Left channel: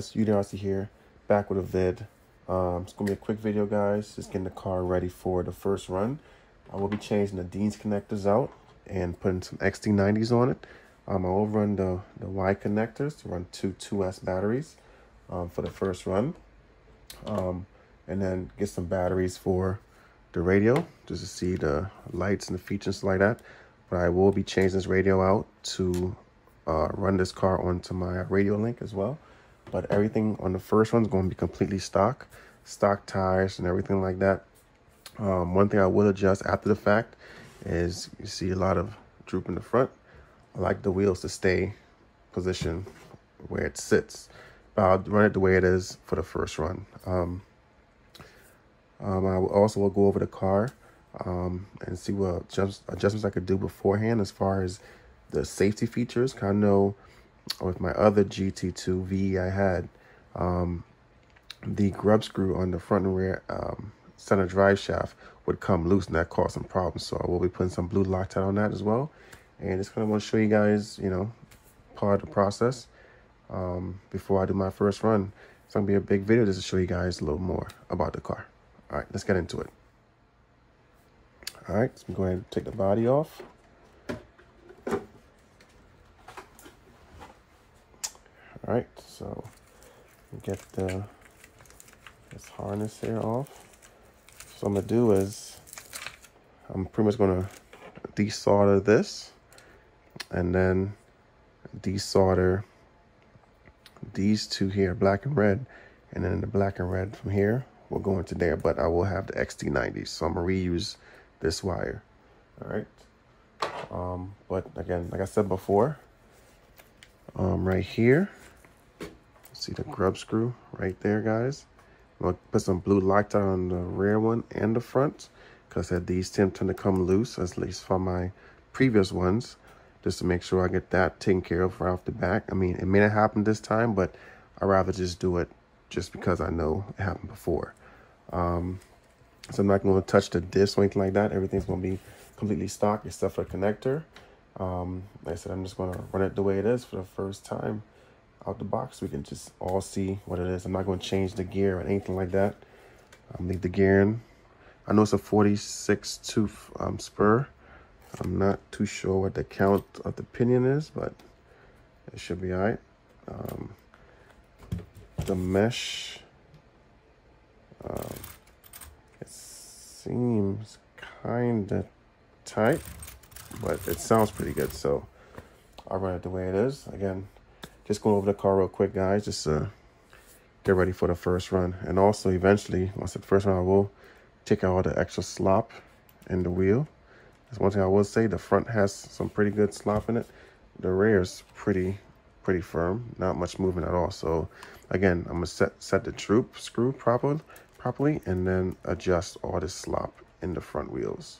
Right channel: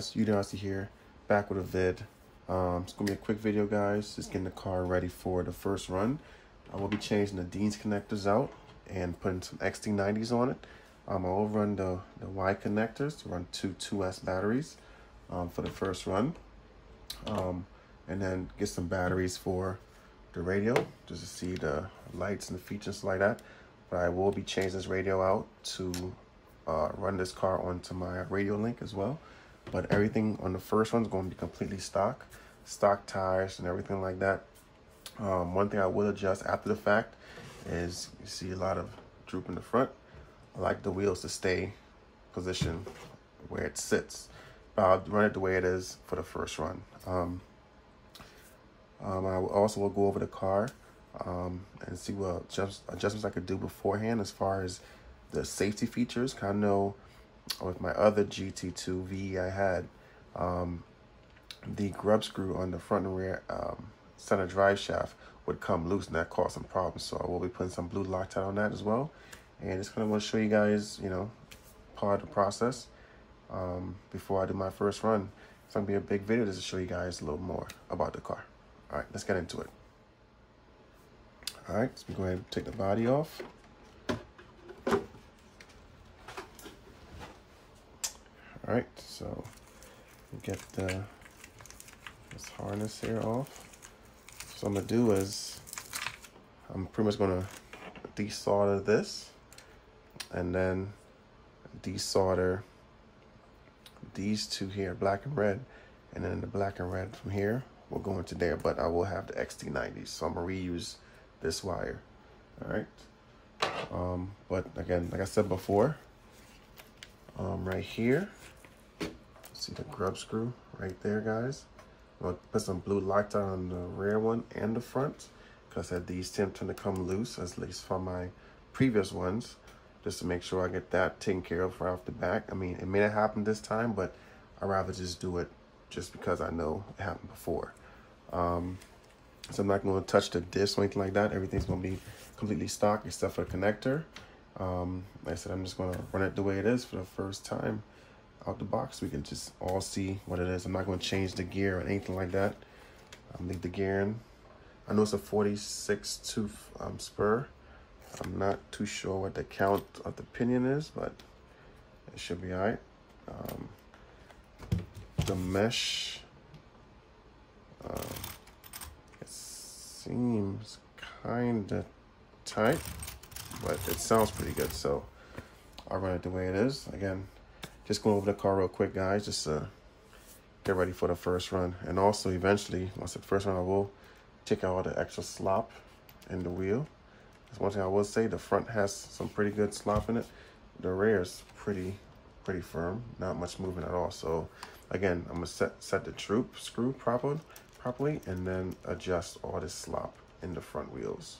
guys, UDRC here, back with a vid. It's gonna be a quick video, guys. Just getting the car ready for the first run. I will be changing the Dean's connectors out and putting some XT90s on it. I will run the Y connectors to run two 2S batteries for the first run, and then get some batteries for the radio just to see the lights and the features like that. But I will be changing this radio out to run this car onto my radio link as well. But everything on the first one is going to be completely stock tires and everything like that. One thing I will adjust after the fact is you see a lot of droop in the front. I like the wheels to stay positioned where it sits, but I'll run it the way it is for the first run. I will also go over the car and see what adjustments I could do beforehand as far as the safety features. I know with my other GT2 V I had the grub screw on the front and rear center drive shaft would come loose, and that caused some problems. So I will be putting some blue Loctite on that as well. And just kind of want to show you guys, you know, part of the process before I do my first run. It's gonna be a big video just to show you guys a little more about the car. All right, let's get into it. All right, so we're going to take the body off. All right, so get this harness here off. So what I'm gonna do is I'm pretty much gonna desolder this and then desolder these two here, black and red, and then the black and red from here will go into there. But I will have the XT90s, so I'm gonna reuse this wire. All right, but again, like I said before, right here, see the grub screw right there, guys. I'm gonna put some blue Loctite on the rear one and the front, because I said these tend to come loose, at least from my previous ones, just to make sure I get that taken care of right off the back. I mean, it may not happen this time, but I'd rather just do it just because I know it happened before. So I'm not going to touch the disc or anything like that. Everything's going to be completely stock except for the connector. Like I said, I'm just going to run it the way it is for the first time out the box. We can just all see what it is. I'm not going to change the gear or anything like that. I'll leave the gear in. I know it's a 46 tooth spur. I'm not too sure what the count of the pinion is, but it should be all right. The mesh, it seems kind of tight, but it sounds pretty good, so I'll run it the way it is. Again, just going over the car real quick, guys, just to get ready for the first run. And also, eventually, once the first run, I will take out all the extra slop in the wheel. That's one thing I will say, the front has some pretty good slop in it. The rear is pretty firm, not much movement at all. So again, I'm gonna set the troop screw properly, and then adjust all the slop in the front wheels.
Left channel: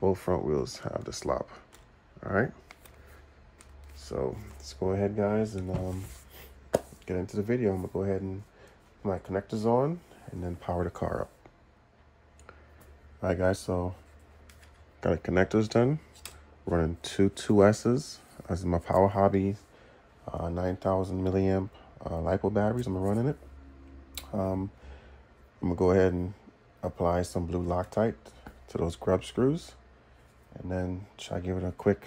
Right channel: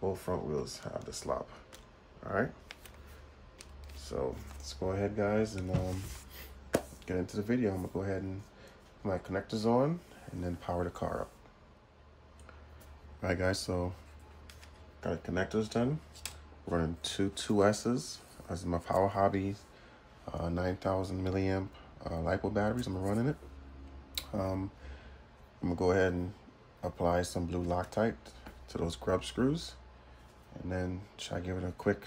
Both front wheels have the slop. All right, so let's go ahead, guys, and get into the video. I'm gonna go ahead and put my connectors on and then power the car up. All right, guys, so got the connectors done. Running two 2S's. This is my Power Hobby 9,000 milliamp LiPo batteries. I'm running it. I'm gonna go ahead and apply some blue Loctite to those grub screws, and then try to give it a quick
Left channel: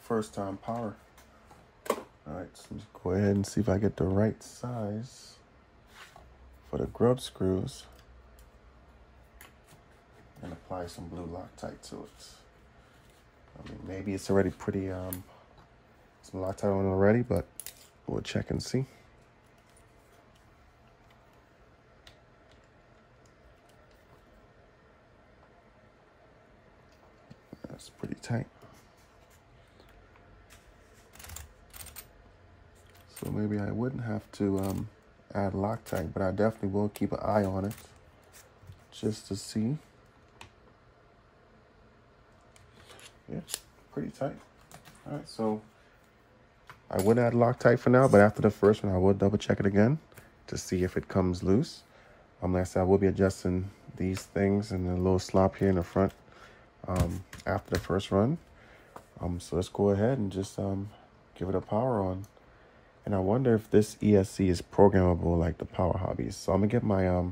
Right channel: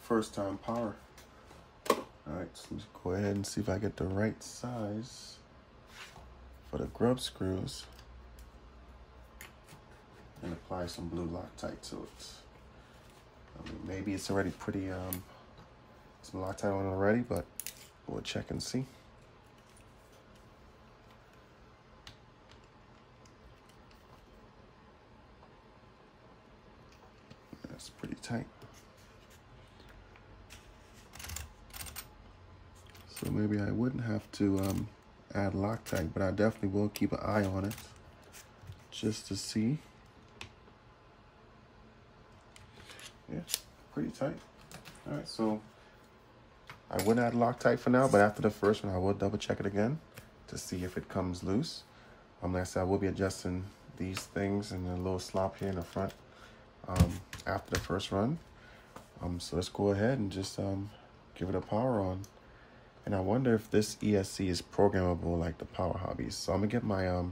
first time power. All right, so let's go ahead and see if I get the right size for the grub screws, and apply some blue Loctite to it. I mean, maybe it's already pretty, some Loctite on it already, but we'll check and see. That's pretty tight. So maybe I wouldn't have to add Loctite, but I definitely will keep an eye on it just to see. Yeah, pretty tight. All right, so I would add Loctite for now, but after the first one, I will double check it again to see if it comes loose. Like I said, I will be adjusting these things and the little slop here in the front after the first run. So let's go ahead and just give it a power on And I wonder if this ESC is programmable like the Power Hobbies. So I'm gonna get my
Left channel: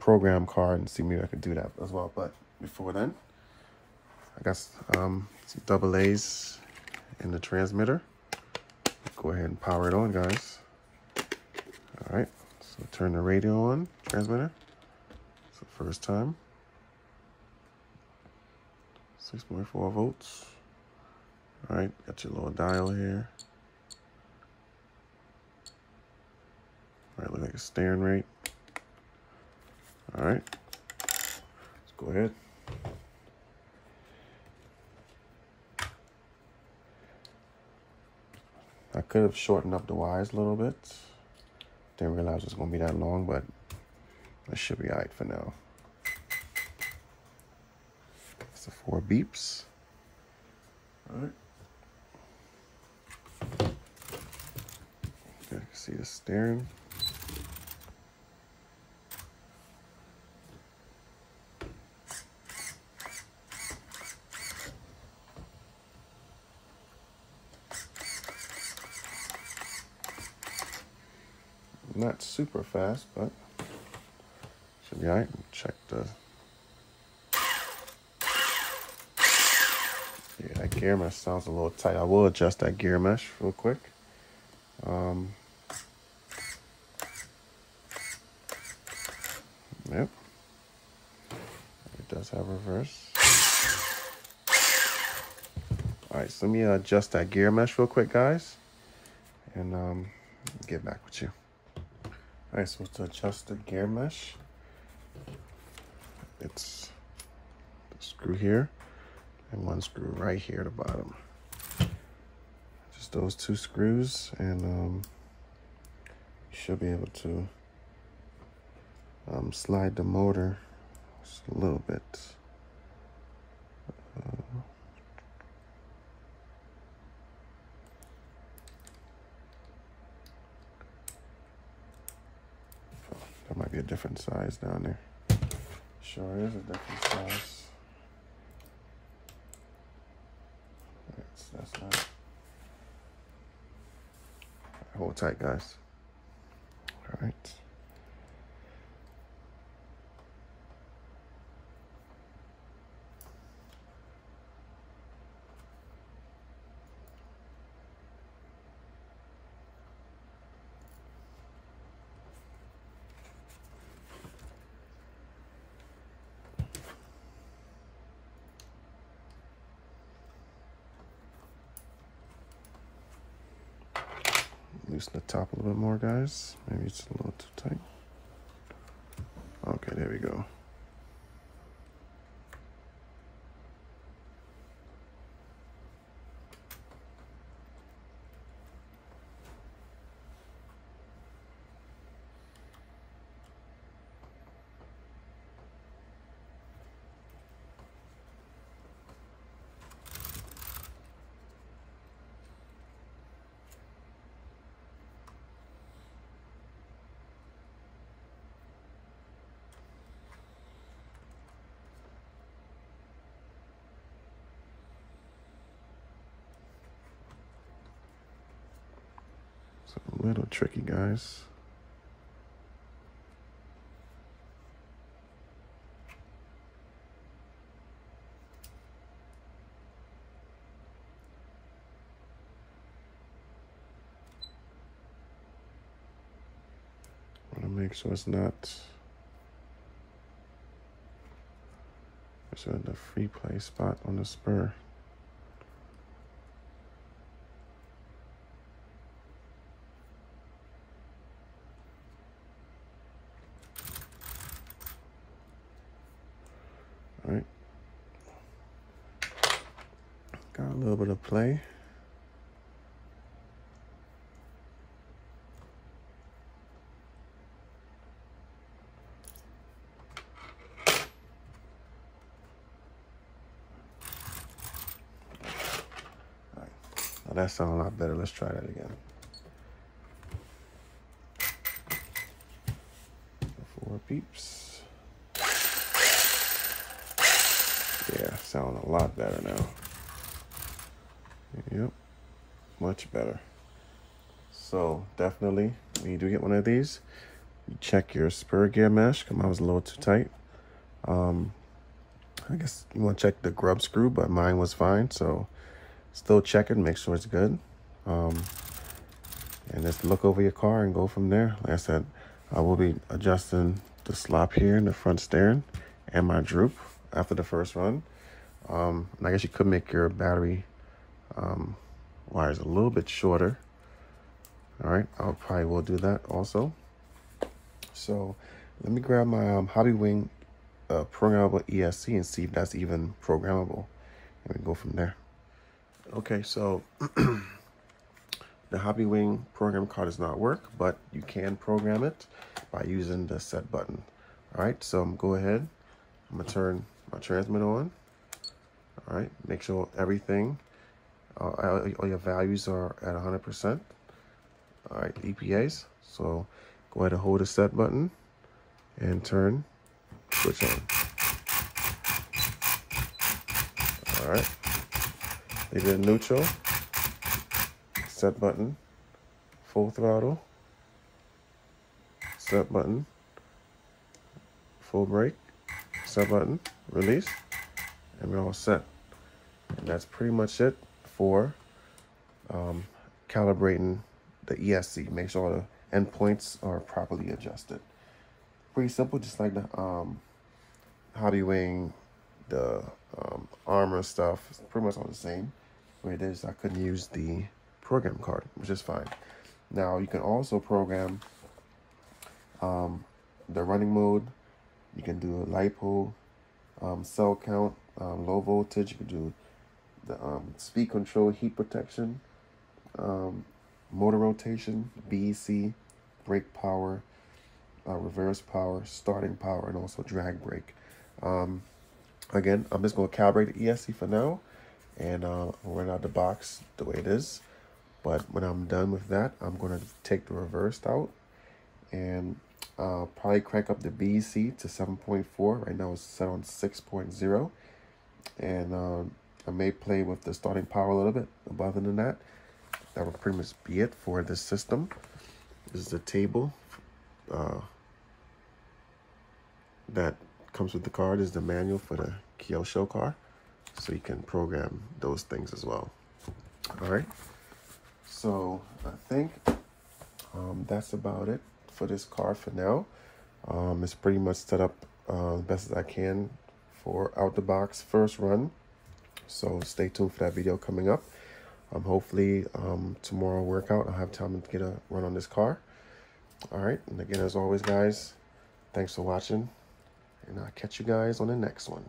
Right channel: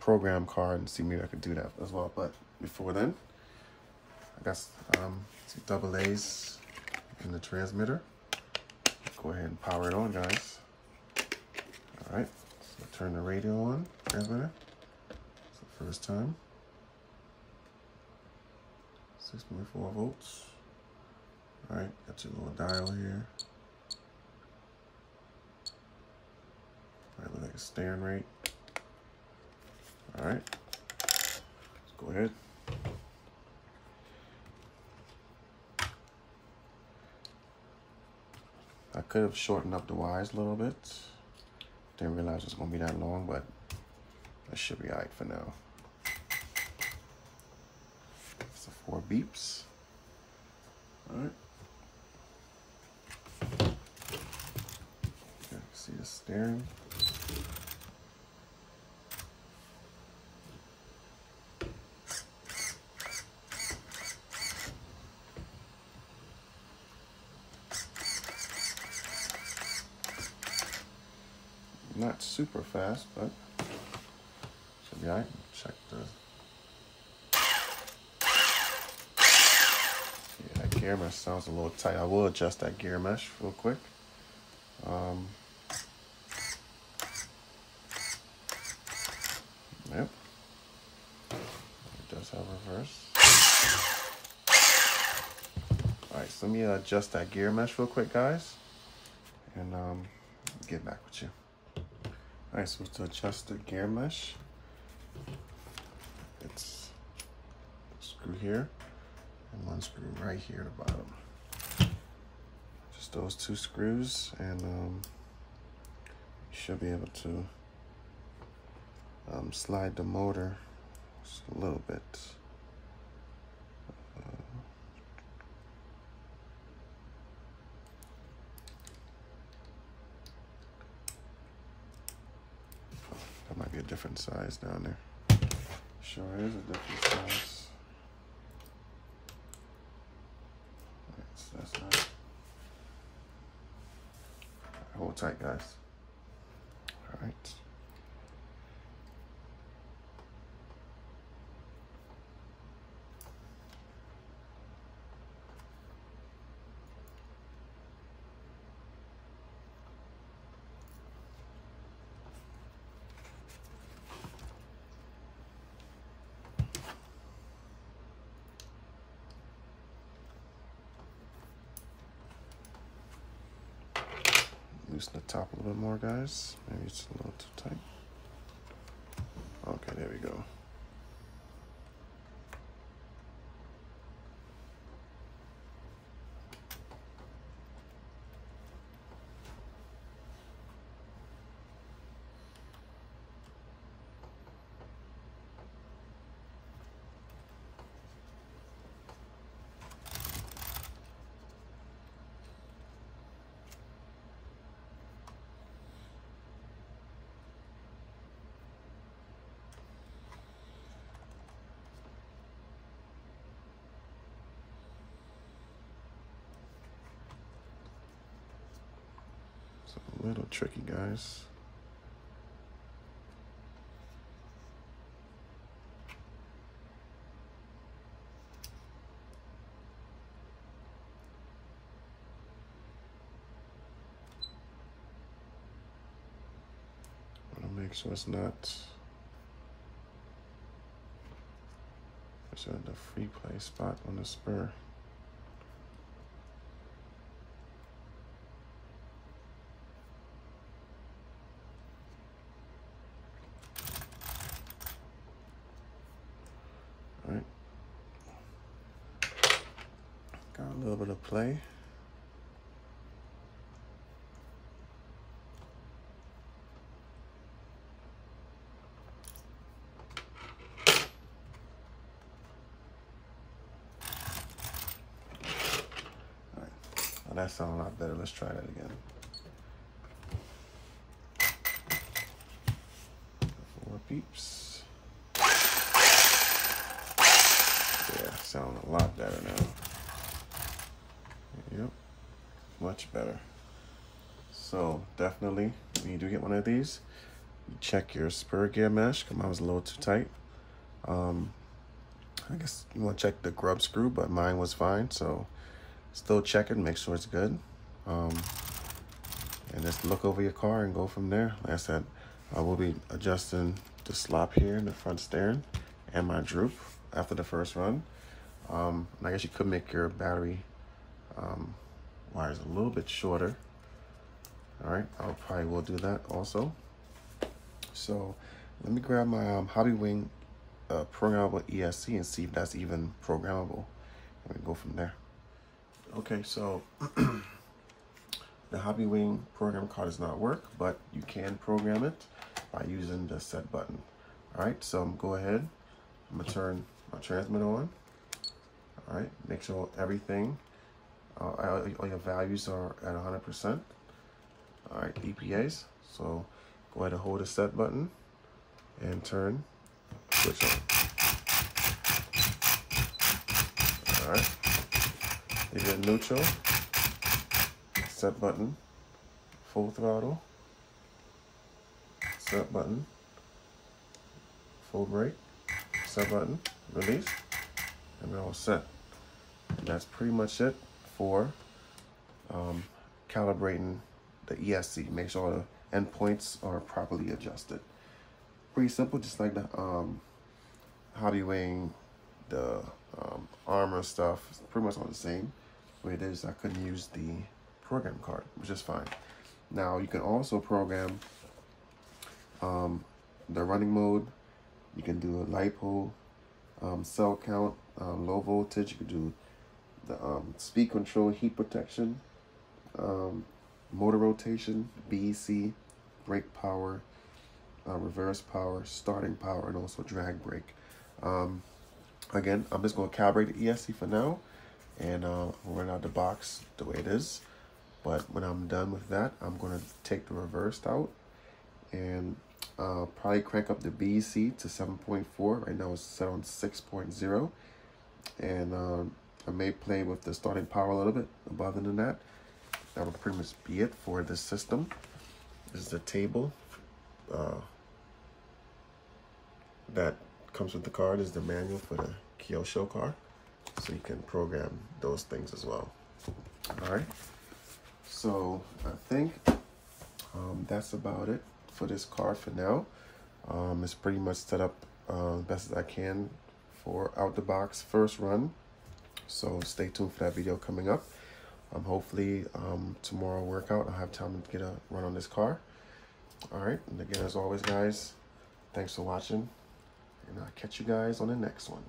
program card and see maybe I could do that as well. But before then, I got some double A's in the transmitter. Go ahead and power it on, guys. All right, so turn the radio on, transmitter. So first time, 6.4 volts. All right, got your little dial here. All right, look like a steering rate. All right, let's go ahead. I could have shortened up the wires a little bit. Didn't realize it was gonna be that long, but it should be all right for now. It's the 4 beeps. All right. Okay, see the steering. Not super fast, but should be all right. Check the, yeah, that gear mesh sounds a little tight. I will adjust that gear mesh real quick. Yep, it does have reverse. All right, so let me adjust that gear mesh real quick, guys, and get back with you. All right, so to adjust the gear mesh, it's a screw here and 1 screw right here at the bottom. Just those 2 screws, and you should be able to slide the motor just a little bit. That might be a different size down there. Sure is a different size. Alright, so that's that. Hold tight, guys. Alright. Loosen the top a little bit more, guys. Maybe it's a little too tight. Okay, there we go. A little tricky, guys. Want to make sure it's not. It's at the free play spot on the spur. All right. Got a little bit of play. That sounds a lot better. Let's try that again. 4 beeps. Yeah, sound a lot better now. Yep, much better. So definitely, when you do get one of these, you check your spur gear mesh. Mine was a little too tight. I guess you want to check the grub screw, but mine was fine. So still check it, make sure it's good. And just look over your car and go from there. Like I said, I will be adjusting the slop here in the front steering and my droop after the first run. And I guess you could make your battery wires a little bit shorter. All right, I probably will do that also. So let me grab my Hobby Wing programmable ESC and see if that's even programmable, and we go from there. Okay, so the Hobby Wing program card does not work, but you can program it by using the set button. All right, so go ahead. I'm gonna turn my transmitter on. All right, make sure everything, all your values are at 100%. All right, EPAs. So go ahead and hold the set button and turn switch on. All right, if you're neutral, set button, full throttle, set button, full brake, set button, release, and we're all set. And that's pretty much it for calibrating the ESC. Make sure the endpoints are properly adjusted. Pretty simple, just like the Hobby Wing, the armor stuff. It's pretty much all the same. Where it is, I couldn't use the program card, which is fine. Now you can also program the running mode. You can do a LiPo, cell count, low voltage. You can do the speed control, heat protection, motor rotation, BEC, brake power, reverse power, starting power, and also drag brake. Again, I'm just going to calibrate the ESC for now and run out the box the way it is. But when I'm done with that, I'm going to take the reverse out and probably crank up the BEC to 7.4. Right now it's set on 6.0. And I may play with the starting power a little bit. But other than that, that would pretty much be it for this system. This is the table that comes with the car. This is the manual for the KYOSHO car. So you can program those things as well. All right. So I think that's about it for this car for now. It's pretty much set up best as I can for out the box first run. So stay tuned for that video coming up. Hopefully tomorrow workout I'll have time to get a run on this car. All right, and again, as always, guys, thanks for watching, and I'll catch you guys on the next one.